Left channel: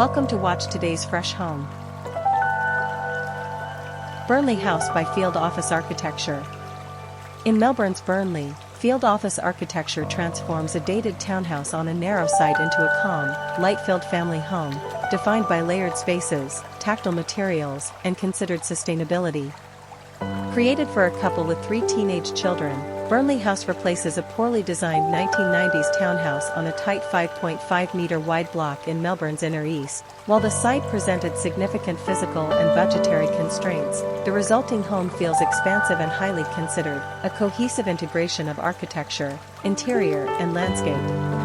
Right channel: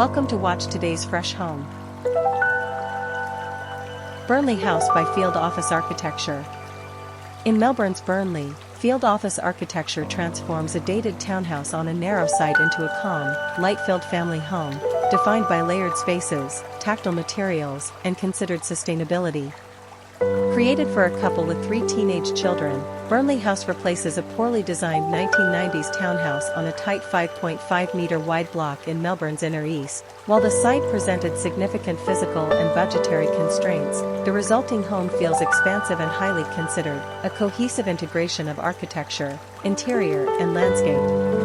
Welcome to watch today's fresh home. Burnley House by Field Office Architecture. In Melbourne's Burnley, field office architecture transforms a dated townhouse on a narrow site into a calm, light-filled family home, defined by layered spaces, tactile materials, and considered sustainability. Created for a couple with 3 teenage children, Burnley House replaces a poorly designed 1990s townhouse on a tight 5.5-meter wide block in Melbourne's inner east. While the site presented significant physical and budgetary constraints, the resulting home feels expansive and highly considered, a cohesive integration of architecture, interior, and landscape.